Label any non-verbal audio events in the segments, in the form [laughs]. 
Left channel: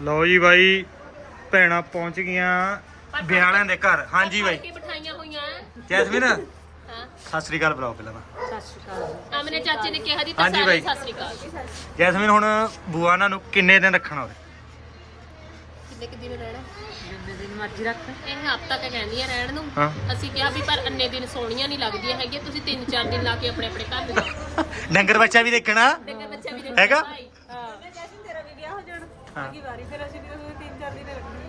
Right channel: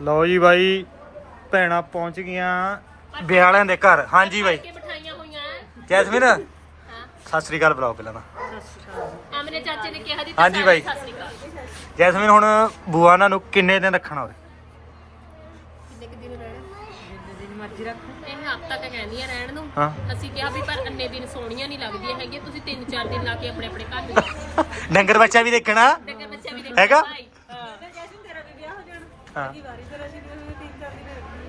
ਲਓ ਜੀ ਬਾਈ ਭੈਣਾਂ ਪਹੁੰਚ ਗਈਆਂ ਵਿਆਹਾਂ ਦੇ ਘਰ। ਹਾਂਜੀ ਬਾਈ। ਕੇ ਬਿਠਾਈਆਂ ਹੋਈਆਂ ਐ। ਜੈਸਮੀਨ ਹਾਂ। ਸਤਿ ਸ੍ਰੀ ਅਕਾਲ ਬੁਲਾਓ ਪਹਿਲਾਂ ਤਾਂ। ਆਮਨੇ ਚਾਚੇ ਨੇ ਕਿਹਾ ਜੀ ਹਾਂਜੀ ਬਾਈ। ਸਤਿ ਸ਼੍ਰੀ ਅਕਾਲ। ਜੈਸਮੀਨ ਹੁਣ ਬੂਆ ਉਹਨਾਂ ਨੂੰ ਕਿੰਨੇ ਦਿਨ ਰੱਖਣਾ ਉਰੇ? ਕਿੰਨੇ ਕਿ ਦਿਨ ਰਹਿਣਾ? ਜਿੰਨੇ ਦਿਨ ਮਰਜ਼ੀ ਰੱਖ। ਇਹ ਹਫਤਾ ਕ ਕਹਿੰਦੀਆਂ ਰਹਿਣ ਨੂੰ। ਹਾਂ। ਅਸੀਂ ਕਿਹਾ ਵੀ ਪਰ ਅੰਨੇ ਦਿਨ ਸੋਹਣੀਆਂ ਨਹੀਂ ਲੱਗਦੀਆਂ ਹੈਗੀਆਂ। ਤੁਸੀਂ 3-4 ਦਿਨ ਲਾ ਕੇ ਆਪਣੇ ਆਪਣੇ ਘਰ ਨੂੰ [laughs] ਡੰਗਰ ਬੱਚਾ ਵੀ ਦੇਖਣਾ। ਡੰਗਰ ਬੱਚਾ ਵੀ ਦੇਖਣਾ ਹੈਗਾ? ਭਾਈ ਹਾਂ ਜੈਸਮੀਨ ਤੇਰਾ ਵੀ ਵਿਆਹ ਹੋ। ਜਾਣਾ ਹਾਂ ਅਗਲੀ ਵਾਰੀ ਫਿਰ ਅਸੀਂ ਵੀ ਉਹਨੂੰ ਤਿੰਨ ਚਾਰ ਦਿਨ ਰੱਖਣੀ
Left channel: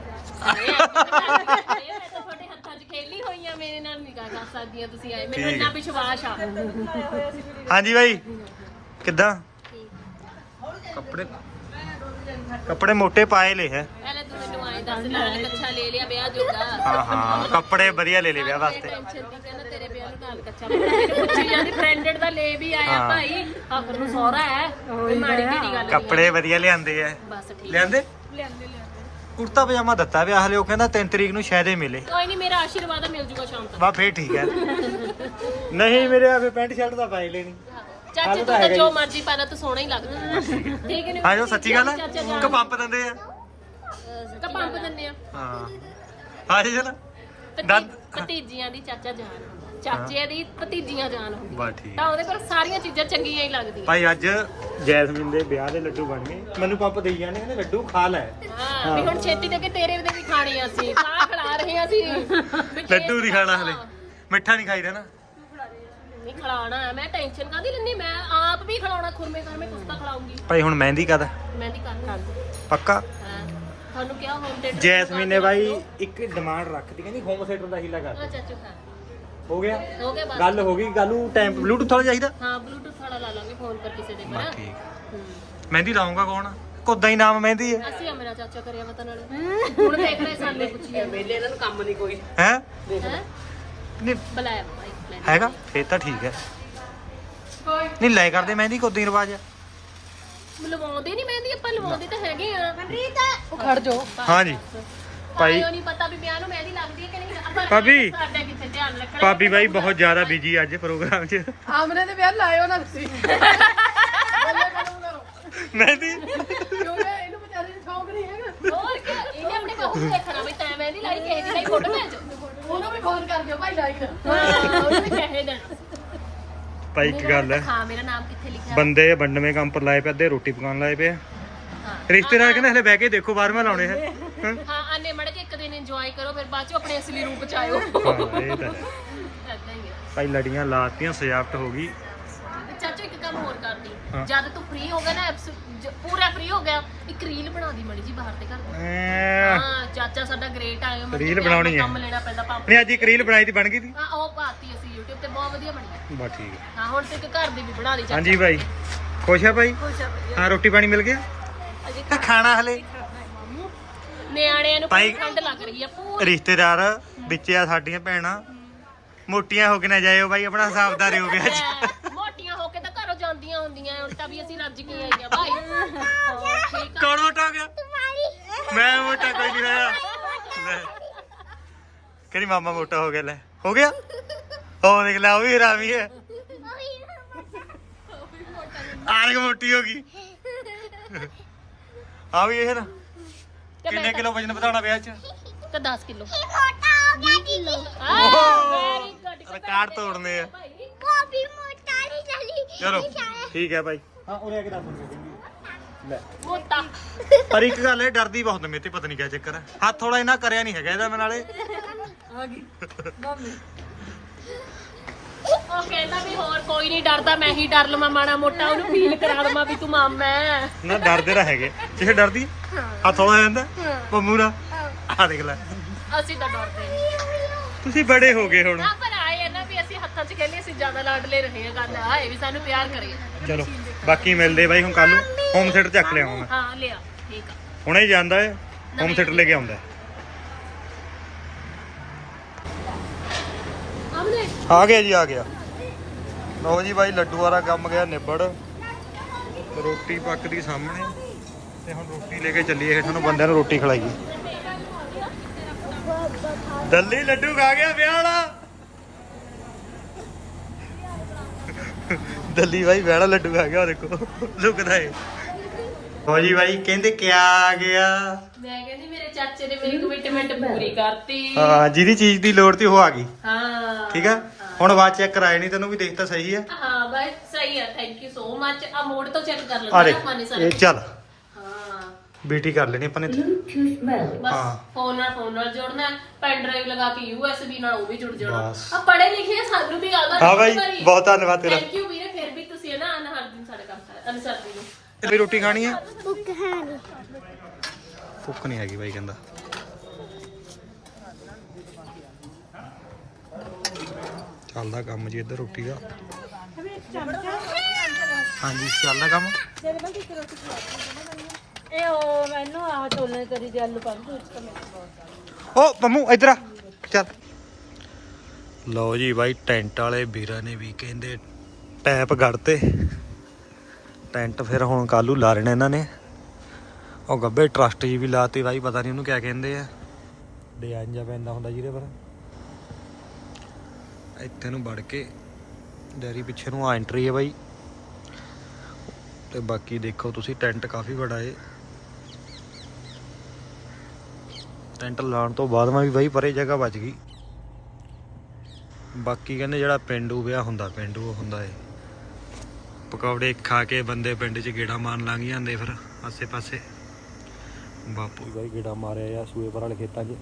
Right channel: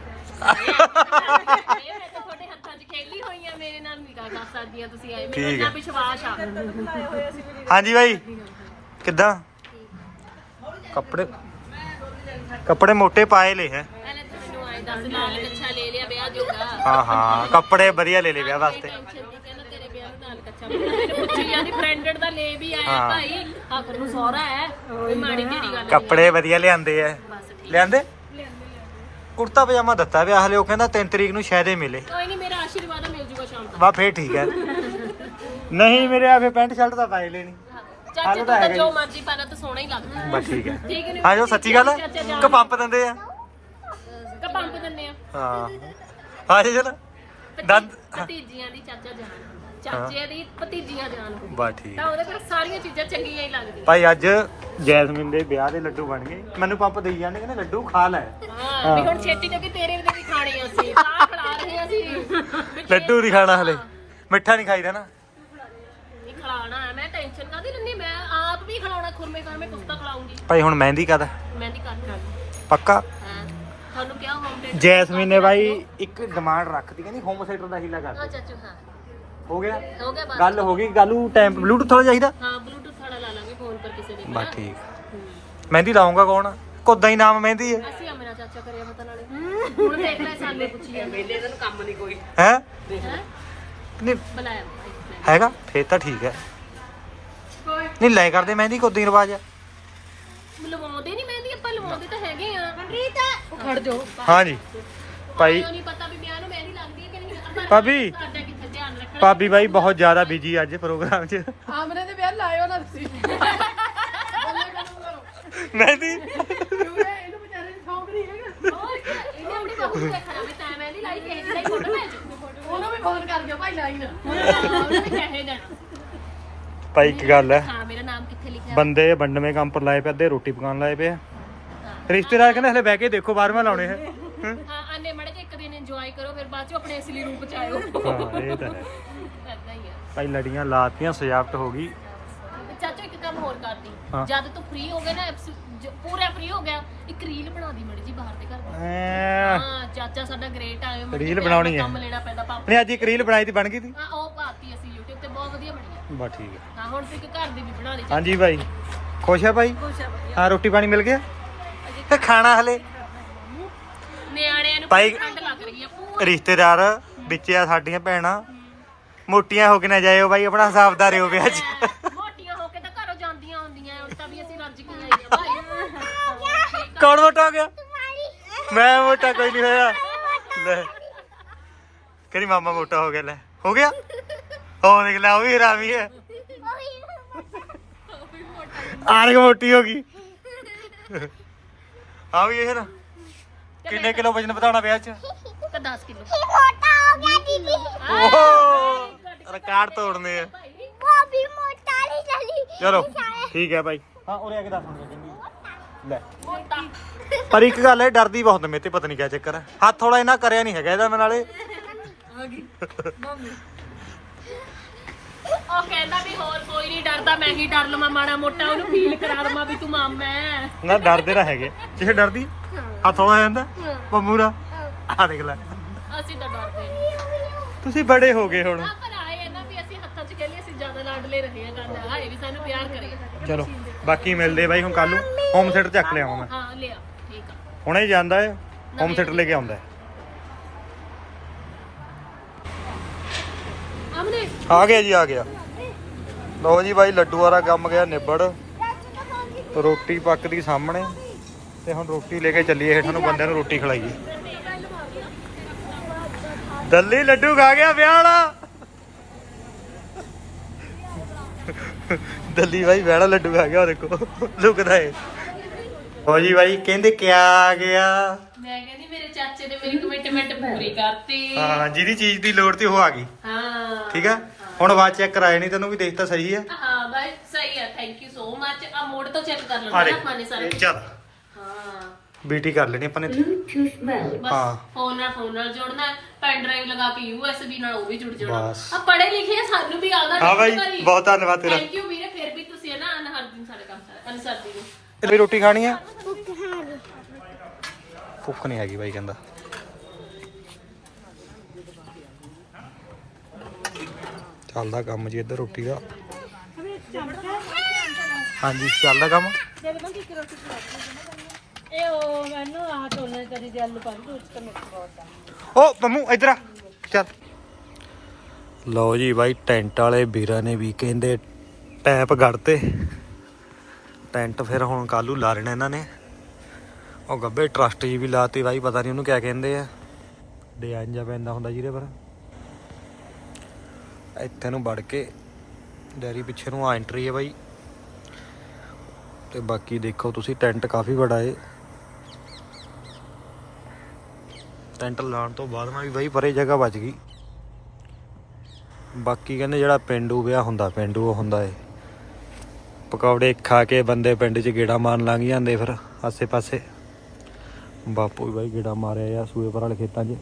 ਇਹ ਮੈਂ ਤਾਂ ਤੁਹਾਡੇ ਹੱਥਾਂ 'ਚ ਖੇਲੀ ਹੋਈ ਆ ਮੇਰੇ ਨਾਲ ਨਿਕਾਹ ਕਰ ਸਕਦੀਆਂ ਤੁਸੀਂ ਆਏ। ਮੈਨੂੰ ਠੀਕ ਇੰਨਾ ਹੈ। ਵਿਸ਼ਵਾਸ ਆ। ਹਾਂਜੀ ਬਾਈ ਕਿੱਦਾਂ? ਕੱਪੜੇ ਕੱਪੜੇ ਮੋਟੇ ਪਾਏ ਲੈ ਹੈ। ਪਹਿਲੇ ਤੂੰ ਮੈਨੂੰ ਆਏ ਦੱਸ ਨਾਲ ਕੱਛਾ ਲੈ ਲਿਆ ਵਿਆਹ ਜੋਗਾ। ਹਾਂ ਹਾਂ ਕੱਪੜੇ ਵਧੀਆ ਲੈ ਲੈ ਵਿਆਹ ਵਾਸਤੇ। ਟੈਨਸ਼ਨ ਦੀ ਕਹਿੰਦਾ ਤੇਰੇ ਵਿਆਹ ਨੂੰ ਨਾਲ ਕੱਚਾ ਬਣਾ ਮੇਰੇ ਪੁੱਛੀ ਜਾਂਦੀ ਫਰੈਂਡਡ ਦਾ ਲੈ ਵੀ ਆਇਆ ਹਾਂ। ਭਾਈ। ਆਖਰ ਨੂੰ ਸਹੁਰਾ ਹੈ। ਕੋਈ ਮਾੜੀ ਢੀੜੀ ਗੱਲ ਨਹੀਂ ਕੱਪੜੇ ਵਧੀਆ ਲਿਆਂਦੇ ਐ ਠੀਕ ਲਿਆਂਦੇ? ਲਿਆਂਦੇ ਲਿਆਂਦੇ। ਕੁੜਤਾ ਪਜਾਮਾ ਦਿੱਤਾ ਵਿਆਹ ਹਲੇ ਉਹ ਕਹਿੰਦਾ 3 ਤਰੀਕ ਨੂੰ ਸ਼ਾਇਦ ਹੀ ਮਿਲੇ। ਕੋਈ ਨਹੀਂ ਮੇਰਾ ਆਸ਼ੀਰਵਾਦ ਮਿਲ ਜੂਗਾ ਸ਼ਾਮ ਤੱਕ। ਵਾ ਫੇਰ ਠੀਕ ਹੈ। ਨਹੀਂ ਮੇਰੇ ਆ ਫੇ ਪੈਂਟ ਸ਼ਰਟ ਤਾਂ ਪਾਈ ਲੈਣੀ। ਚਾਚੇ ਤੂੰ ਜੋ। ਮਰਜ਼ੀ ਪਾਣਾ ਤੂੰ ਸੋਹਣਾ ਹੀ ਲੱਗਦਾ। ਬਸ ਠੀਕ ਹੈ। ਠੀਕ ਹੈ ਹਾਂ ਜੋ ਸੱਚੀ ਗੱਲ ਹੈ ਕਿ ਪੰਪ ਦਿੰਦੇ ਆ। ਤਾਂ ਪੰਪ ਆ। ਹਾਂ। ਹਾਂ ਜੀ ਜਨਾ ਦੰਦ ਭਤੀਜੀਆਂ ਦੀ ਚਾਚਾ ਜਾਨ ਚਾਚੇ ਦੀ ਭਤੀਜੀਆਂ ਜਾਨ ਹੁੰਦੀ ਬਾ ਠੀਕ ਤਾਂ ਉਹਦੇ ਕੋਲ ਸਾਰੀਆਂ ਚੀਜ਼ਾਂ ਚੰਗੀਆਂ ਹੀ ਲੱਗਦੀਆਂ। ਭਾਈ ਅੱਜ ਜੈਸਮੀਨ ਦੇ ਵਿਆਹ ਦੇ ਲੱਡੂ ਬਣ ਗਏ। ਮੈਨੂੰ ਪੰਪ ਦੇਈ ਜਾਂਦੇ ਕਹਿੰਦੇ ਲੱਡੂ ਖਾ ਲੈ। ਹਾਂ ਵੀ ਹੁਣ ਛੇਤੀ ਦੇ ਕੇ ਤੇਰੇ ਦੇ ਵੀ ਖਾਣੇ ਆ ਅਸੀਂ। ਤਾਂ ਖਿਲਾ ਰਹੇ ਆ ਅਸੀਂ। ਲੱਡੂ ਨਹੀਂ ਖਾਣਾ ਹਲੇ। ਮਿੱਠਾ ਨਹੀਂ ਖਾਈਦਾ ਨਾ। ਹੈ ਮੈਂ ਟੈਨਸ਼ਨ ਕਾਦੀ ਲੈਣੀ ਮੈਂ ਆਪ ਵੀ ਖਿਲਾਉਣਾ ਖੁਰਮੇ ਕਰਮੇ ਕੁਸਤਾ ਖਿਲਾਉਂਗੀ। ਭਾਈ ਹੁਣ ਮਹਿੰਦੀ ਕਦ ਮਹਿੰਦੀ ਕਰ ਕਰ ਪੱਕਾ? ਹਾਂ। ਤੁਹਾਨੂੰ ਕਿਹਾ ਹੋਮ ਥੀਏਟਰ ਜੈਸਮੀਨ ਨੇ ਭਾਈ ਇੱਕ ਡਿਮਾਂਡ ਰੱਖਤੀ ਕਹਿੰਦੀ ਹੋਮ ਥੀਏਟਰ ਦਾ ਹੀਲਾ ਕਰ ਉਹ ਚਾਚੂ ਹਾਂ। ਹੋ ਗਿਆ? ਹੋ ਗਿਆ ਗੱਲ ਹੋ ਗਈ ਗੱਲ ਨੂੰ ਟਾਈਮ ਬਲੂਟੁੱਥ ਵਾਲਾ ਚਾਹੀਦਾ? ਹਾਂ ਬਲੂਟੁੱਥ ਵਾਲਾ ਲਾ ਲਾਂਗੇ ਫੋਨ ਪਰ ਕਿਸੇ ਦੇ ਬਸ ਪਰ ਠੀਕ। ਹੂੰ। ਮਹਿੰਦੀ ਲਾਉਂਗਾ ਕੌਣ? ਕੋਦਾ ਹੀ ਨਾਮ ਮਹਿੰਦੀ ਹੈ। ਅਸੀਂ ਆ ਮੇਰਾ ਚਾਚਾ ਕਰਿਆ ਪਤਾ ਨਾਲੇ। ਹੁਣ ਦੇਖ ਲੈ ਸਾਨੂੰ ਪੁੱਛੀ ਜਾਂਦੇ। ਵੇਲੇ ਇਹਨਾਂ ਨੂੰ ਕੰਮ ਨਹੀਂ ਕੋਈ। ਹੈ? ਹੈ? ਨਹੀਂ। ਬੁਲਾਇਆ ਬੁਲਾਇਆ। ਹੈਗਾ? ਫੇਰ ਤਾਂ ਠੀਕ ਹੈ। ਨਹੀਂ ਲੈ ਕਰਦੇ ਮਹਿੰਦੀ ਕੋਦਾ ਹੀ ਰਿਵਾਜ। ਹੈ ਲਵਾਉਂਦੇ ਨਹੀਂ ਮਹਿੰਦੀ ਆਪਾਂ ਲਵਾਉਂਦੇ ਤਾਂ ਹੈਗੇ ਆ। ਖੜ ਜਾਓ ਹਾਂਜੀ ਭਾਈ। ਨਹੀਂ ਪਤਾ ਵੀ ਵਿਆਹ ਨੂੰ ਮਹਿੰਦੀ ਲੱਗਦੀ ਹੈ ਕਿ ਨਹੀਂ। ਆਪਾਂ ਭਾਬੀ। ਸਾਡਾ ਭਾਬੀ ਬਾਈ ਬਹੁਤ ਜ਼ਿਆਦਾ ਬਿਜ਼ੀ ਅੱਜ ਪ੍ਰੋਗਰਾਮ 'ਚ। ਆਮਨੇ ਦੇ ਵਿਆਹ ਲਾਇਓ ਨਾ ਤੁਸੀਂ। ਮਹਿੰਦੀ ਕਿਉਂਕਿ ਇਹਨੂੰ ਵਿਚਾਰੇ ਨੂੰ ਸ਼ੌਂਕ ਨਹੀਂ ਹੈਗਾ। ਹੋਰ ਕੀ ਇਹਨੇ ਆਪਣੇ ਬਾਹੂ ਨੂੰ ਦੇਖਣਾ ਵੀ ਤੈਂ ਮਹਿੰਦੀ ਲਾਈ ਕਿਸੇ ਦੀ ਨਹੀਂ ਫੋਟੋ ਭੇਜ ਉਹਨੂੰ ਵੀ ਫੋਨ ਕਰ ਦਿਓ ਭਾਈ ਲਾਈ ਨਾ। ਉਹਨੂੰ ਵੀ ਕਹੇ ਦੇਣਾ। ਭਾਈ ਇੱਕ ਗੱਲ ਹੈ। ਹਾਂ ਮੇਰਾ ਨਾਮ ਕਿੱਥੇ ਲਿਖਿਆ? ਬੰਦੇ ਵੰਡਵੇਂ ਕੰਮ ਪਰ ਲਾਏ ਪਏ ਅੱਧੇ ਰੋਟੀ ਪਕਾਉਣ ਲਾਏ ਪਏ। ਰਿਸ਼ਤੇਦਾਰ ਕਹਿੰਦੇ ਹਲੇ ਬਹਿ ਕੇ ਦੇਖੋ ਬਾਹਰਵਾਂ ਲਾਉਣੇ ਹੈ ਹਾਂ ਹਾਂ ਆਨੇ ਮੜ ਕੇ ਇੱਕ ਦਿਨ ਇੰਜੋਏ ਕਰੋ ਫਿਰ ਬਾਅਦ ਚੋਂ ਆਪਣੇ ਅਸਲੀ ਰੂਪ ਚ ਆਇਓ ਇਹ ਤਾਂ ਹੈ। ਏਦਾਂ ਹੀ ਆ ਭਾਈ ਲੜੀਆਂ ਲਾਤੀਆਂ ਸਜਾਵਟ ਹੋ ਗਈ। ਤੇ ਚਾਚੂ ਇੱਕ ਕੰਮ ਹੋਰ ਕਰਦੀ। ਹਾਂ। ਜਦ ਤੂੰ ਫ੍ਰੀ ਹੋ ਗਿਆ ਨਾ ਜ- ਪੂਰਾ ਫ੍ਰੀ ਹੋ ਗਿਆ ਇੱਕ ਰੀਲ ਬਣਾ ਦੀ ਮੜੀ ਜੀ ਬਾਹਰ ਦੇ ਘਰ ਦੀ। ਐਂ। ਹਾਂ ਚਾਚਾ ਸਾਡਾ ਗ੍ਰੇਟ ਆਇਓ ਰੀਲ ਬਣਾਉਣੀ ਹੈ। ਕੰਮ ਲੈਣਾ ਪੈਂਦਾ ਪਾਪਾ ਨਹੀਂ ਅੱਜ ਇੱਕ ਰੀਲ ਬਣਾਈ ਤੀ ਬਣ ਗਈ ਤੀ ਹਾਂ ਉਹ ਪਾਤੀ ਅਸੀਂ YouTube ਤੇ ਬਹੁਤ ਵਧੀਆ ਬਣੀ ਹੈ। ਬਸ ਠੀਕ ਹੈ। ਹਾਂ ਹੁਣ ਤੇ ਇੱਕ ਘਰ ਦੀ ਵੀ ਬਣਾ ਲਈ ਚਾਚਾ। ਹਾਂਜੀ ਭਾਈ। ਖੁਸ਼ ਹੈ ਭਾਈ? ਖੁਸ਼ ਆ ਵਧੀਆ। ਹਾਂ ਰੋਟੀ ਪਾਣੀ ਮਿਲ ਗਿਆ? ਕਿ ਖਾਣਾ ਹਲੇ? ਨਿਆਣਿਆਂ ਨੂੰ ਭਾਈ- ਠੰਡ ਲੱਗ ਰਹੀ ਹੈ ਪੂਰੀ। ਰਿਸ਼ਤੇਦਾਰ ਵਿੱਚ ਆ ਸਾਡੀਆਂ ਭੈਣਾਂ। ਮੋਟੀਆਂ ਹੋ ਕੇ ਨਾ ਜਾਇਓ ਭਾਈ ਆਪਣਾ ਹਿਸਾਬਦਾਰ ਰਿਓ ਵਿਆਹ 'ਚ। ਮੋਟੀਆਂ ਹੋ ਕੇ ਤਾਂ ਘਰੋਂ ਜਾਂਦੀਆਂ ਹੁੰਦੀਆਂ ਹੁਣ ਤਾਂ ਵੀ ਅਸੀਂ ਰੱਜ ਕੇ ਆਈਆਂ ਭਾਈ। ਹੋਰ ਠੀਕ ਆ। ਕੌਣ ਮੋਟਾ ਹੋ ਗਿਆ? ਮੈਂ ਮੋਟਾ ਕੋਈ ਨਹੀਂ ਹੋਇਆ। ਲੈ। ਕਿਹੜੀ ਮਾਮਾ ਮੋਟਾ ਹੋ ਗਿਆ ਲੈ। ਹੋ ਗਿਆ? ਉਹ ਦੇਖ ਲੈ ਉਹ ਵੀ ਹਰਾਮੀ ਹੈ ਆਰਗ ਮੋਟੀ ਹੋ ਗਈ। ਆ ਵੀ ਇਹ ਨਾ। ਕਿੰਨੇ ਕਿਲੋ ਵਜਨ ਵਧਾਉਣਾ ਵਿਆਹ 'ਚ? ਤੇ 10 ਕਿਲੋ। ਓਹ ਰਿਕਾਰਡ ਤੋੜਨੇ ਆ। ਚਲੋ। ਠੀਕ ਹੈ ਭਾਈ। ਹਾਂ ਉਰੇ ਆ ਕੇ ਦੱਸ ਲੈ। ਮੋਟਾ। ਪਰ ਇੱਕ ਗੱਲ ਹੈ ਡਰਦੀ ਬਹੁਤ ਮੇਰੇ ਤੇ ਪਤਾ ਨਹੀਂ ਕਿਆ ਚੱਕਰ ਹੈ। ਹੱਥ ਥੋੜਾ ਇਹਨਾਂ ਕਰਿਆ ਨਹੀਂ ਹੈਗਾ ਇਹਦਾ ਮੈਂ ਨਾਲੇ। ਉਹ ਕਹਿੰਦਾ ਵੀ ਹੋਰ ਕੋਈ ਨਹੀਂ ਡਰਦਾ ਮੈਂ ਹੀ ਡਰ ਲਵਾਂ ਮਾੜਾ ਮੋਟਾ ਉਹਨੂੰ ਫੀਲ ਕਰਾ ਲਵਾਂ ਵੀ ਤੂੰ ਮਾਮਾ ਹੈ। ਨਾ ਡਰਦੇ ਤਾਂ ਹੈਗੇ। ਕਿਸੇ ਡਰਦੀ? ਹੱਥ ਥੋੜਾ ਜਾਂਦਾ? ਪੰਮੂਰਾ ਆ ਦੇਖ ਲੈ। ਅਸੀਂ ਤਾਂ ਡਰਦੇ ਨਹੀਂ। ਤੁਸੀਂ ਬੜੇ ਹੋ ਗਏ ਹੁਣ। ਆ ਪਰ ਆਏ ਆ ਨਾ ਵੀ ਅਸੀਂ ਹੱਥਾਂ 'ਚ ਕਹਿੰਦੇ ਅਸੀਂ ਜ਼ਿਆਦਾ ਲਾਡਲੇ ਰਹੇ ਆ ਗੱਲ ਆਏ ਵੀ ਸਾਨੂੰ ਪਿਆਰ ਕਰੇ। ਚਲੋ ਬਾਕੀ ਮਿਲਦੇ ਬਾਈ ਹੁਣ ਕੱਲ ਨੂੰ। ਹੋਮ ਥੀਏਟਰ ਚੱਕ ਲਿਆਵਾਂ ਮੈਂ। ਹਾਂ ਲਿਆ ਠੀਕ ਆ। ਹੁਣੇ ਜਾਂਦਾ ਹੈ ਹੋਮ ਥੀਏਟਰ ਲੈ ਕੇ ਆਉਂਦਾ ਹੈ। ਆਮਨੇ ਆ ਗਿਆ ਜੀ ਆ ਗਿਆ। ਲਓ ਜੀ ਬਾਈ ਲੱਡੂ ਵਾਲਾ ਕੰਮ ਗਿਆ ਨਿਬੜ। ਰੋਟੀ ਪੱਕਦੀ ਸਾਹਮਣੇ। ਤੇ ਹੁਣ ਰੋਟੀ ਲੈ ਕੇ ਚੱਲੀਏ ਹੇਠਾਂ ਨੂੰ ਬੰਦਿਆਂ ਨੂੰ ਰੋਟੀ ਖਿਲਾਈਏ। ਦੱਲੀ ਲੱਡੂ ਖਾ ਗਿਆ ਵਿਆਹ ਵਾਲਾ। ਦੱਲੀ ਬਾਈ ਵਿਆਹ ਵਾਲਾ ਲੱਡੂ ਖਾ ਗਿਆ ਉਹ ਦੇਖੋ ਲੁਕਦਾ ਏ। ਹੋ ਜੀ ਬਾਈ ਕਹਿੰਦੇ ਕਿਆ ਆ ਗਿਆ? ਮੈਂ ਕਹਿੰਦੀ ਮੇਰੇ ਚਾਚੇ ਨੇ ਮੇਰੀ ਕਮਿਟਮੈਂਟ ਪੂਰੀ ਕਰਤੀ। ਹਾਂ ਜਿਹਦੀ ਚੀਜ਼ ਦੀ ਲੋੜ ਤੀ ਉਹ ਆ ਗਈ। ਹਾਂ। ਠੀਕ ਆ? ਹੁਣ ਬਾਅਦ ਚੈੱਕ ਕਰਾਏ ਨਹੀਂ ਤੈਨੂੰ ਵੀ ਦੇਖ ਤਾਂ ਸਹੀ ਆ। ਹਾਂ ਬਾਈ ਸਹੀ ਆ ਥੈਂਕ ਯੂ ਸੋ ਮੱਚ ਆ ਮੋੜ ਤੋਂ ਚੈੱਕ ਕਰ ਆ ਦੇ ਆਪਾਂ ਨੇ ਸਾਰੇ। ਇਹ ਚੱਲ। ਹਾਂ। ਬੀਟੀ ਕਰ ਲੈਣੀ ਆਪਾਂ ਨੇ ਇੱਥੇ। ਬਸ ਹਾਂ। ਫੋਨ ਨਾਲ ਫੋਨ ਨਾਲ ਜੋੜਨਾ ਪੈਨ ਡਰਾਈਵ ਲਗਾ ਕੇ ਯੂਐਸਬੀ ਨਾਲ ਉਹ ਵੀ ਜੁੜ ਜਾਣਾ। ਬਸ। ਆ ਪੜੇ ਲਿਖੇ ਆ, ਸਾਨੂੰ ਵੀ ਆਦਾ ਹਾਂ ਬਾਈ ਬਹੁਤ ਧੰਨਵਾਦ ਤੇਰਾ। ਥੈਂਕ ਯੂ ਵੀਰੇ ਫਿਰ ਵੀ ਤੁਸੀਂ ਨਾ ਅਨਹਰ ਦਿਨ ਸਾਡੇ ਕੰਮ ਸਾਰੇ ਅਨਸਰਦੀ ਨੂੰ ਤੇਰੀ ਰੋਟੀ ਖਾਣੀ ਆ? ਭੁੱਖ ਨਹੀਂ ਹੈਗੀ ਬਾਈ ਕਹਿੰਦਾ। ਚੱਲਦਾ ਕੰਮ ਜੀ ਇੱਧਰ ਰੋਟੀ ਦਾ। ਹਾਂਜੀ ਚੱਲਦਾ ਕੰਮ? ਇਹ ਉਹ ਮੈਨੂੰ ਆਹ ਟੋਲੇ ਕਰੀ ਦੇ ਆਲੂ ਪਾ ਕੇ ਉੱਚ ਤੇ ਓ ਪੰਮੂ ਇੱਧਰ ਆ। ਚੱਲ। ਲਓ ਜੀ ਬਾਈ ਟੈਂਟ ਵਾਲੇ ਵੀਰਾਂ ਨੇ ਵੀ ਕਹਿੰਦੇ ਟੈਪ ਗੜਤੇ। ਟੈਂਟ ਫਿਰ ਹੁਣ ਕੱਲੂ ਲਾ ਰਹੇ ਨੇ ਇਹਨਾਂ ਨੇ। ਉਹ ਗੱਬੇ ਟਰਸਟ ਜੀ ਵੀ ਲਾਤੀ ਬਾਈ ਪਤਾ ਨਹੀਂ ਉਹਨੂੰ ਕਿਆ ਕਹਿੰਦੇ ਆ। ਡਿਜ਼ਾਈਨ ਜਿਹਾ ਪੈਂਦਾ ਹੁੰਦਾ ਜਿਹਦੇ ਪਰ। ਇੱਥੇ ਨੂੰ ਵੜ ਕੇ ਡੈਰੀ ਪਿੱਛੇ ਨੂੰ ਆ ਐਂਟਰੀ ਹੈ ਬਾਈ। ਤੇ ਬਾਕੀ ਦੇਖੋ ਤੁਸੀਂ ਟੈਂਟ ਕਾਫੀ ਵੱਡਾ ਏ। ਟੈਂਟ ਲਾਉਣ ਤੋਂ ਬਾਅਦ ਮੈਂ ਵੀ ਬਾਈ ਪਰੇ ਜਗ੍ਹਾ ਬਚ ਗਈ। ਬਾਕੀ ਕਹਿੰਦੇ ਜਿਹੜਾ ਪਿੰਡੂ ਵਿਆਹ ਹੁੰਦਾ, ਪਿੰਡੂ ਉਹ ਹੁੰਦਾ ਏ। ਪਕੌੜੇ ਖਾ ਕੇ ਬੰਦੇ ਪਿੰਡ 'ਚ ਗੇੜਾ ਮਾਰਨ ਲੰਘ ਜਾਂਦੇ ਫਿਰ ਆਸੇ ਪਾਸੇ ਬਾਪੂ ਵੀ ਬਾਈ ਗੇੜਾ ਮਾਰਿਆ ਆ, ਸੂਏ ਪਰ ਵਾਲੇ ਖੇਤਾਂ 'ਚ।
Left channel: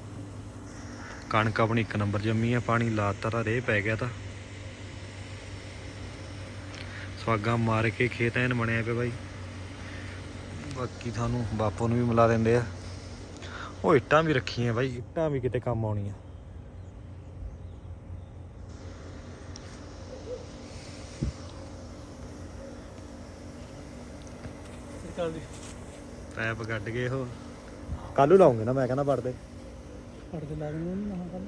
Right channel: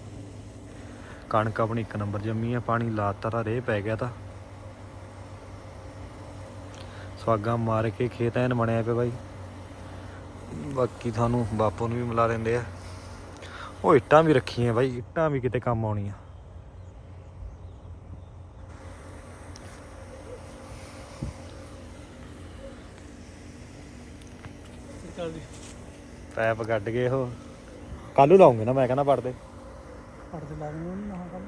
ਕਣਕ ਆਪਣੀ ਇੱਕ ਨੰਬਰ ਜੰਮੀ ਆ ਪਾਣੀ ਲਾਤਾ ਤਾਂ ਰੇਹ ਪੈ ਗਿਆ ਤਾਂ। ਸਵਾਗਾ ਮਾਰ ਕੇ ਖੇਤ ਐਨ ਬਣਿਆ ਪਿਆ ਬਾਈ। ਬਾਕੀ ਤੁਹਾਨੂੰ ਬਾਪੂ ਨੂੰ ਵੀ ਮਿਲਾ ਦਿੰਦੇ ਆ। ਉਹ ਇੱਟਾਂ ਵੀ ਰੱਖੀਆਂ ਬਾਈ ਇੱਟਾਂ ਵੀ ਕਿਤੇ ਕੰਮ ਆਉਣੀਆਂ। ਪੈਪ ਗੱਡ ਗਏ ਉਹ। ਕੱਲੂ ਲਾਉਂਗੇ ਨਾ ਮੈਂ ਕਹਿੰਦਾ ਪੜਦੇ ਉਹਨੂੰ ਨਾ ਕੰਮ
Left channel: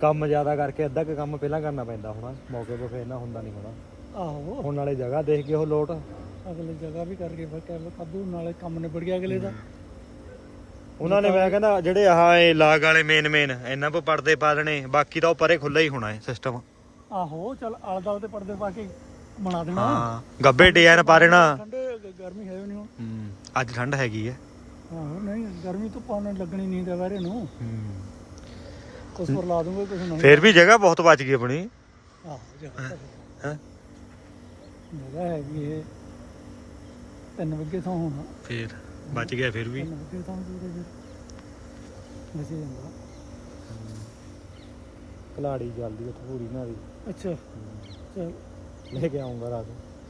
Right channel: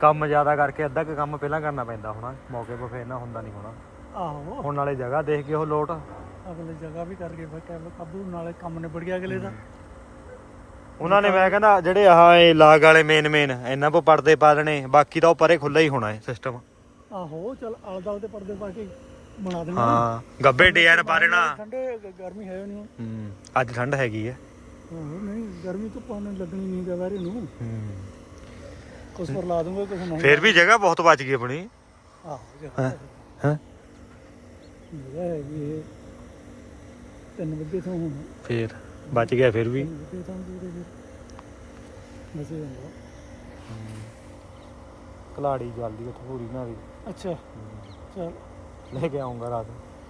ਕੰਮ ਜ਼ਿਆਦਾ ਕਰਕੇ ਅੱਧਾ ਕੁ ਕੰਮ ਪਹਿਲਾਂ ਕਰਨਾ ਪੈਂਦਾ ਹੋਣਾ ਮੌਕੇ 'ਤੇ ਫੇਰ ਨਾ ਹੁੰਦਾ ਨਹੀਂ ਹੋਣਾ। ਆਹੋ। ਹੁਣ ਨਾਲੇ ਜਗ੍ਹਾ ਦੇਖ ਕੇ ਉਹ ਲੋਟ। ਅਗਲੇ ਜਗ੍ਹਾ ਵੀ ਕਰਕੇ ਫਿਰ ਕਰ ਲੋ ਕਾਬੂ ਨਾਲੇ ਕੰਮ ਨਿਬੜ ਗਿਆ ਅਗਲੇ ਦਾ। ਉਹਨਾਂ ਨੇ ਮੈਂ ਕਹਿੰਦਾ ਜਿਹੜੇ ਆਹ ਇਹ ਲਾਗ ਵਾਲੇ ਮੇਨ ਮੇਨ ਇਹਨਾਂ ਕੋ ਪਰਦੇ ਪਾ ਦੇਣੇ ਬਾਕੀ ਤਾਂ ਉਹ ਪਰੇ ਖੁੱਲਾ ਹੀ ਹੋਣਾ ਹੈ ਸਿਸਟਮ ਆਹੋ ਚਲ ਆਲ ਦਾਲ ਤੇ ਪਰਦੇ ਪਾ ਕੇ ਬਣਾ ਦੇਣਾ। ਹਾਂ ਗੱਬੇ ਡਿਜ਼ਾਈਨ ਪਾ ਦੇਣਾ। ਠੰਡੇ ਗਰਮੀ ਹੈ ਨਹੀਂ ਹੁਣ। ਹੂੰ ਅੱਜ ਠੰਡ ਹੈਗੀ ਹੈ ਆਹੋ ਨਹੀਂ ਗਰਮੀ ਤੋਂ ਪਾਣੇ ਲੱਗਣੀ ਨਹੀਂ ਦੁਬਾਰੇ ਨੂੰ। ਹੂੰ। ਕੁਛ ਪਰ ਲਾ ਦੂੰਗਾ ਕੁਛ ਨਹੀਂ। ਫੇਰ ਵੀ ਜਗ੍ਹਾ ਬਹੁਤ ਬਚ ਗਈ ਆਪਣੀ। ਆਹੋ ਹਾਂ? ਹਾਂ? ਜਗ੍ਹਾ ਹੈਗੀ ਇਹ ਤਿੰਨ ਵਜੇ ਤੋਂ ਹੋਣਾ। ਫੇਰ ਬਚ ਗਿਆ ਫਿਰ ਵੀ। ਤਿੰਨ ਵਜੇ ਤੋਂ ਦੂਰੇ ਵੀ ਬਸੇ ਜਾਂਦਾ। ਕਲਾੜੀ ਜਲਦੀ ਉੱਥੇ ਪੂਰੀ ਨਾ ਵੀ ਅੱਛਾ। ਚਲ। ਲੈ ਕੇ ਆਉਂਗਾ ਰਾਤ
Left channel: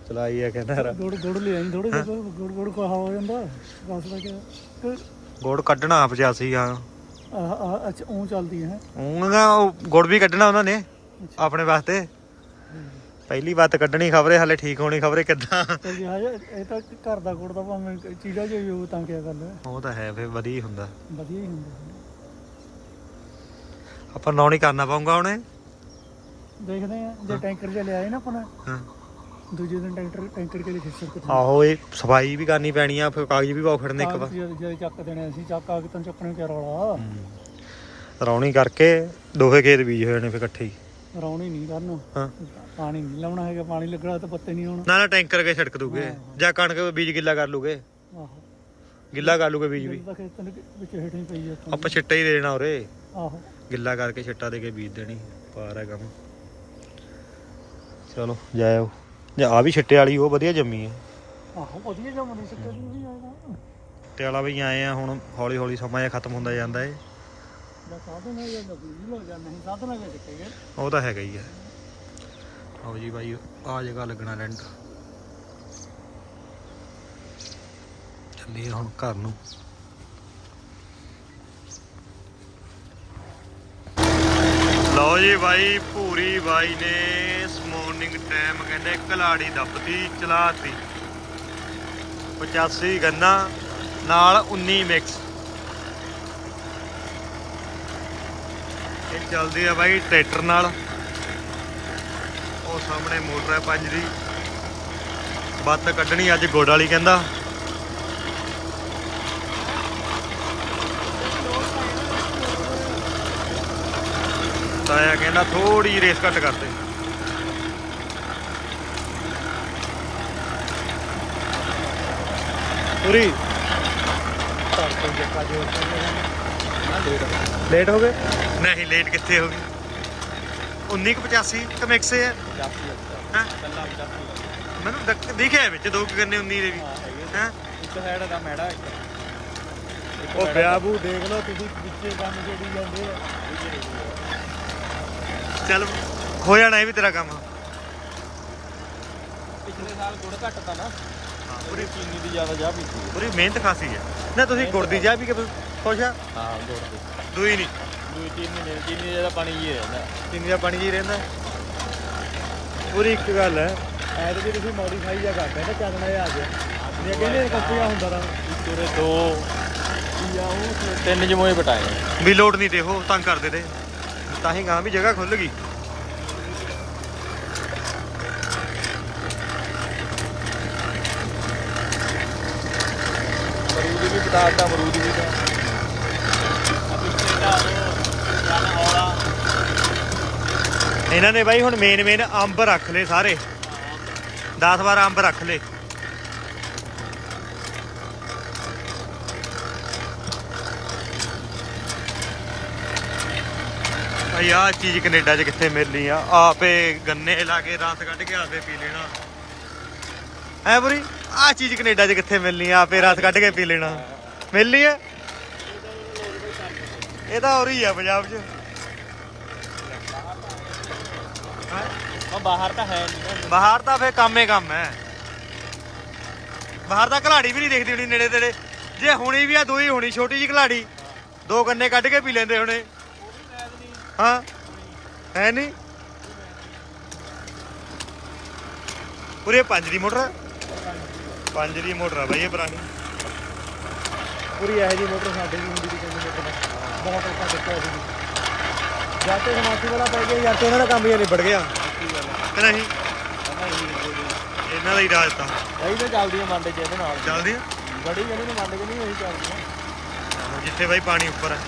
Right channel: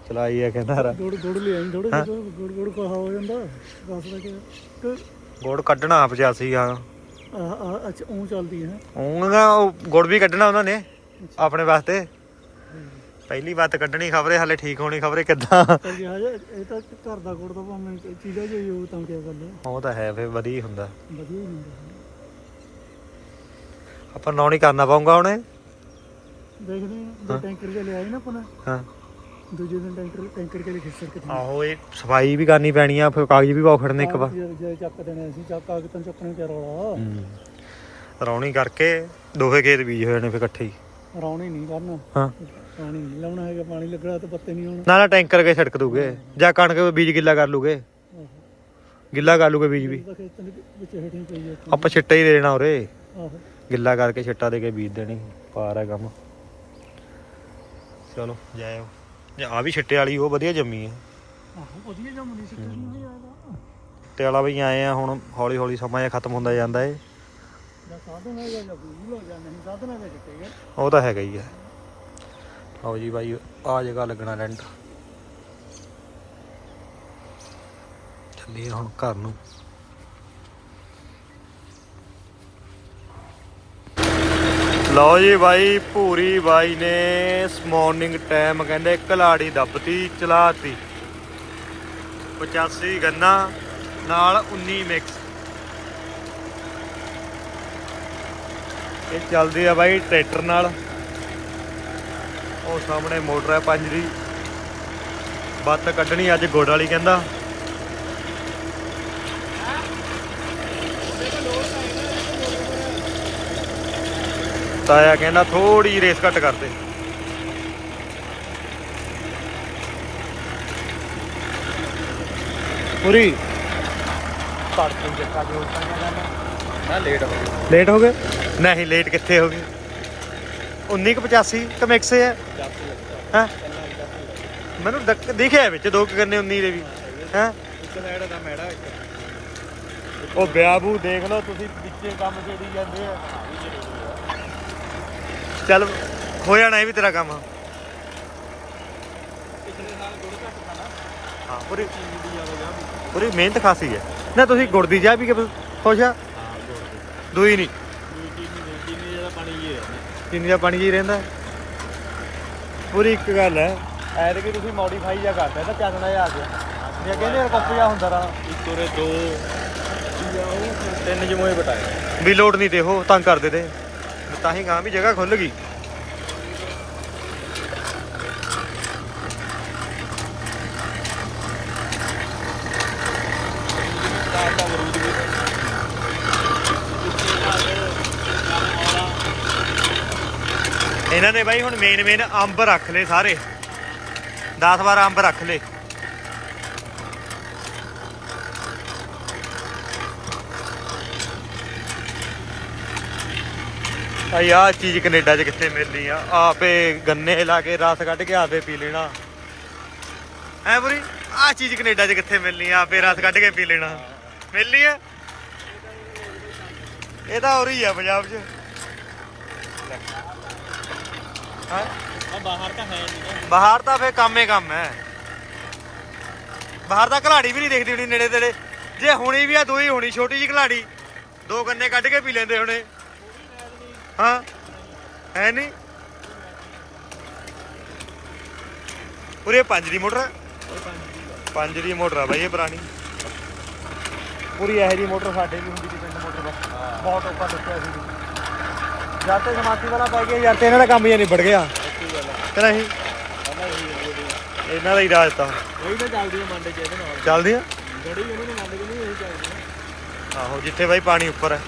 ਚਲਾਈ ਆ ਕਹਿੰਦਾ ਰਾ। ਗੁੜ ਗੁੜ ਲੈ ਆਈ ਥੋੜੇ ਜਿਹਾ ਗੁੜ ਗੁੜ ਕਹਾ ਹੋ ਜਾਂਦਾ ਦੱਸ ਦਾ ਕਿ। ਗੁੜ ਕੱਢਣਾ 85 ਆ ਆਹ ਆਹ ਅੱਛਾ ਉਹ ਚੱਲਦੀ ਹੈ। ਉਹਨਾਂ ਉਹ ਗੁੜ ਵੀ ਕੱਢਣਾ ਉਹਨਾਂ ਨੇ ਆਪਣੇ ਵਾਸਤੇ। ਪਹਿਲੀ ਵਾਰ ਕੱਢਣੀ ਖਬਰੇ ਹਾਲੇ ਠੀਕ ਹੋਣੀ ਖਬਰੇ ਕਿੱਦਾਂ। ਇਹ ਤਾਂ ਘਰ ਦਾ ਗੁੜ ਦਾ ਭਾਵੇਂ ਚੀਜ਼ਾ ਜੋ ਯੂ ਤਾਂ ਕੀ ਗੱਲ ਉਹ ਤਾਂ ਹੈ ਫੇਰ ਵਧੀਆ ਹੁੰਦਾ। ਵਧੀਆ ਹੀ ਹੁੰਦਾ। ਆਪਾਂ ਨੌ ਨਹੀਂ ਕਰਨਾ ਪਾਉਂਗਾ ਉਹਨੇ ਦੇਖਦੇ ਆ ਜੇ ਟੈਂਕਰ ਜਿਹਾ ਲਿਆਏ ਨਾ ਆਪਣਾ ਹਾਂ। ਦੂਜੇ ਦਿਨ ਟੈਂਕਰ ਟੈਂਕਰ ਕੇ ਲਈ ਖਿੱਚ ਕੇ ਆਹੋ ਇਹ ਸਫ਼ਾਈ ਵੀ ਕਰਨੀ ਪੈਣੀ ਆ ਫਿਰ ਕਾਗਜ਼ ਵੀ ਪਾਉ ਖੜਨੇ ਇੱਕ ਵਾਰ। ਜੇ ਜੇ ਚੱਕ ਦੇਣੇ ਅਸੀਂ ਚੱਕ ਆ ਕੇ ਤੈਨੂੰ ਚੱਕਣੀ ਚਾਰ ਵਾਲਾ ਰੌਣੀ ਕਰਕੇ ਦੋਹੇ ਖੇਤ ਬੀਜ ਹੋਏ ਨੇ ਫਿਰ ਇਕੱਠੇ ਹੀ। ਰੌਣੀ ਨਹੀਂ ਕਰਨਾ। ਹਾਂ। ਪਾਣੀ ਨਹੀਂ ਲਾਉਣਾ ਹੈਗਾ ਪਾਣੀ ਲੱਗਣਾ ਤਾਂ ਪੱਤੇ ਨਹੀਂ ਹੋਣਾ ਨਾ ਨਾ ਟੈਂਕਰ ਕੇ ਛਿੜਕ ਦੂਗੇ ਜਾਂ ਕਣਕ ਬੀਜ ਗਿੱਲਾ ਕਰ ਲੂਗੇ। ਗਿੱਲਾ ਕਰ ਲੂਗੇ ਬੀਜ ਵੀ। ਆਪਾਂ ਆਪਾਂ ਛਿੱਟਾ ਹੀ ਦੇ ਦੇਣਾ ਉਰੇ। ਆਹੋ। ਗਿੱਲਾ ਕਰਕੇ ਛਿੱਟਾ ਦੇ ਕੇ ਬੀਜ ਦੇਣੀ ਪਾਰ ਹੈ ਕੰਮ। ਚਲੋ ਜਾਇਓ। ਜਾਂ ਆ ਵੀ ਛਿੱਟੇ ਵਾਲੀ ਉਹ ਵਧੀਆ ਜੰਮੀ ਹੈ। ਆਹੋ ਵਧੀਆ ਜਮ ਨਹੀਂ ਸਕਦੇ ਨਹੀਂ ਵੀ ਆਏਗਾ ਛਿੱਟੇ ਵਾਲਾ ਵੀ ਆਏ ਆ ਹੁਣ ਹੌਲੀ ਹੌਲੀ ਸਮਾਂ ਜਿਹਾ ਖਤਮ ਹੁੰਦਾ ਜਾਂਦਾ ਏ। ਉਹ ਤਾਂ ਹੈਗਾ ਹੀ ਹੈ। ਲਓ ਜੀ ਬਾਈ ਆ ਜਗ੍ਹਾ ਲੱਗਣਾ ਰੈਂਟ ਚੱਲੀਏ ਹੁਣ ਘਰ ਨੂੰ। ਲਓ ਜੀ ਬਾਈ, ਭੂਰੀ ਬਾਈ ਨੇ ਇਸ ਮਾਰਨਿੰਗ ਟਾਈਮ ਕਹਿੰਦੇ ਕਲਾੜੀ ਦੱਬਤੀ, ਚਲਾਤੀ। 85 ਗੰਨਾ, ਨਾਲ 19 ਮਿਕਸ ਇਹ ਚੱਲਦੀ ਆ ਬਾਈ ਟਰੈਕਟਰ ਨਾਲ। ਉਹ ਸਾਹਮਣੇ ਮੋਟਰ ਹੈ ਪੰਜ ਦੀ। ਬੱਤ ਕੱਢਣੀ ਅੱਜ ਗੋੜ ਵਾਲੀ ਕਹਿੰਦਾ। ਤਾਇਆ ਕਹਿੰਦਾ ਥੋੜੀ ਰੇਸ ਘੱਟ ਕਰਦੇ ਪੂਰੀ? ਤੜਕੇ ਜੱਕਾ ਪੈਣਾ ਨਾ। ਲੇਟ ਲੇਟ ਹੋ ਗਏ? ਨਹੀਂ ਲੇਟ ਕਿੱਥੇ ਹੋ ਗਏ? 1985 ਕਿ ਮਿਕਸ ਹੈ ਹੈ? ਮੈਨੂੰ ਦਿਖਿਆ ਵਿੱਚ ਦੋ ਕੁ ਗੰਨੇ 19 ਦੇ ਵੀ। ਹੈ ਦਾ ਉਹ ਬਿਆਬੂ ਦੇਖ ਲਓ ਤੁਸੀਂ ਵਿੱਚੇ ਕੰਮ ਜਿਹੜੀ ਜਾਂਦੇ ਆ। ਚੱਲ ਹੋ ਜਾਣਾ ਇਹ ਵੀ ਤੇਰਾ ਕੰਮ। ਪਿਛਲੇ ਸਾਲ ਗੁੜ ਘੱਟ ਤਾ ਨਾ ਹਾਂ ਪੂਰੀ ਚੀਨੀ ਦੀ ਜ਼ਿਆਦਾ ਜਾ ਵੀ ਪੂਰੀ ਮਿਹਨਤ ਖਾਸੀ ਹੈ। ਨਾ ਤੁਸੀਂ ਗੁੜ ਦੀ ਚਾਹ ਪੀ ਕੇ ਖੁਸ਼ ਆ? ਹਾਂ ਗੁੜ ਦੀ। ਦੂਈ ਨਹੀਂ। ਦੂਜੀ ਚੀਨੀ ਨਹੀਂ ਚੀਨੀ ਦਾ ਪਾਣੀ ਹੀ ਰਹਿੰਦਾ ਕਿੰਨੀ ਦਾ ਪਾਣੀ ਜੀ ਰਹਿੰਦਾ। ਪੂਰੀ ਇੱਕ ਗੱਲ ਹੈ। ਐਡ ਕਿ ਤੁਸੀਂ ਮੋਡੀਫਾਈ ਜਾਂ ਕਰਦਾ ਤਾਂ ਜਿਹਾ ਆ ਗਿਆ। ਜੇ ਕਹਿੰਦੇ ਕੋਪੀ ਆ ਹੁੰਦਾ ਰਾ ਇੱਕ ਉਰੇ ਦੋ। ਤਿੰਨ ਜਮੋਏ ਬਟਾਏ। ਵੀ ਲੋਡ ਨਹੀਂ ਤੇ ਉਹ ਤੰਗ ਕਰਦੇ ਤੇ। ਤਾਂ ਹੀ ਕਹਾਂ ਵੀ ਜਗ੍ਹਾ ਖੁੱਲ ਗਈ। ਅਮਰੂਦ ਵੀ ਬਟਾਤਾ ਅਮਰੂਦ ਵੀ ਇਹਨਾਂ ਨੇ ਬਾਈ ਹੁਣ ਮੇਨ ਮੇਨ ਅੰਬ ਰੱਖ ਲਏ ਸਾਰੇ। 10 12 ਅੰਬ ਰੱਖ ਲਏ। ਭਾਈ ਆਹ ਚੀਜ਼ ਕੈਨੇਡਾ 'ਚ ਕਿੱਥੇ ਮਿਲਣੀ ਆ? ਆਪੇ ਗੰਨੇ ਲਾ ਕੇ ਰਸ ਕੱਢ ਕੇ ਆਪੇ ਪੀ ਲੈਣਾ। ਹੈ ਬੁਰੀ? ਆਹ ਚੀਜ਼ ਕੈਨੇਡਾ 'ਚ ਕਿੱਥੇ ਮਿਲਣੀ ਆ? ਆਪੇ ਰਸ ਕੱਢ ਕੇ ਪੀ ਲੈਣਾ। ਮਿਲਣੀ ਆ? ਇਹ ਤਾਂ ਹੋ ਰਹੀ ਆ ਪੰਜਾਬ 'ਚ। ਹਾਂ? ਬਾਹਰ ਤਾਂ ਹੈ ਨਹੀਂ ਬਾਹਰ ਤਾਂ ਫੇ ਕੰਮ ਹੀ ਕੰਮ ਹੈ ਬਾਹਰ ਤਾਂ ਘਲਾੜੀ ਵੀ ਨਹੀਂ ਦੇਖਦੀ ਹੁਣੀ ਨੇੜੇ ਤੇੜੇ। ਜੇ ਹੁਣੀ ਵੀ ਆ ਦੋਈ ਹੋਣੀ ਛੋਟੀ ਜੀ ਘਲਾੜੀ। ਦੋ ਕੰਨੇ ਕੱਢ ਕੇ ਪੀ ਲੈਂਦੇ ਹੁਣੇ। ਹਾਂ ਹੈ ਨਹੀਂ ਪੂਰੇ ਪੰਜ ਦੀ ਮੋਟਰ ਆ? ਪੰਜ ਦੀ ਮੋਟਰ ਆ ਬਾਈ ਇਹ ਪੁਰਾਣੀ। ਪੂਰੀ ਇਹੋ ਜੀ ਮੋਟਰ ਸਾਡੇ ਵੀ ਹੁੰਦੀ ਸੀ ਪਿੰਡ ਮੋਟਰ ਬਸ ਬਹੁਤ ਔਖਾ ਦੱਸਿਆ ਸੀ ਜਦ ਤੇ ਸਮਾਤੀ ਵਾਲਾ ਪੈ ਗਿਆ ਯਾਰ ਤੇ ਇਹਨਾਂ ਦਾ ਕੰਮ ਹੀ ਨਿਬੜ ਗਿਆ। ਗੱਲ ਕਿ ਨਹੀਂ। ਇਹਨਾਂ ਦਾ ਹੀ ਰਾਜ ਤਾਂ। ਕਈ ਤਾਂ ਚੱਲਦੀਆਂ ਮੰਡ ਕੇ ਉਹਦੇ ਨਾਲ। ਚੱਲਦੇ ਆ। ਬੜੀ ਕਹਿੰਦੀ ਨੇ ਮੰਡ ਕੇ ਨਹੀਂ ਉਹੀ ਚੱਲਦੀਆਂ ਆਹੋ ਜਿੱਥੇ ਬਾਈ ਪਾਣੀ ਉੱਪਰ ਹੈ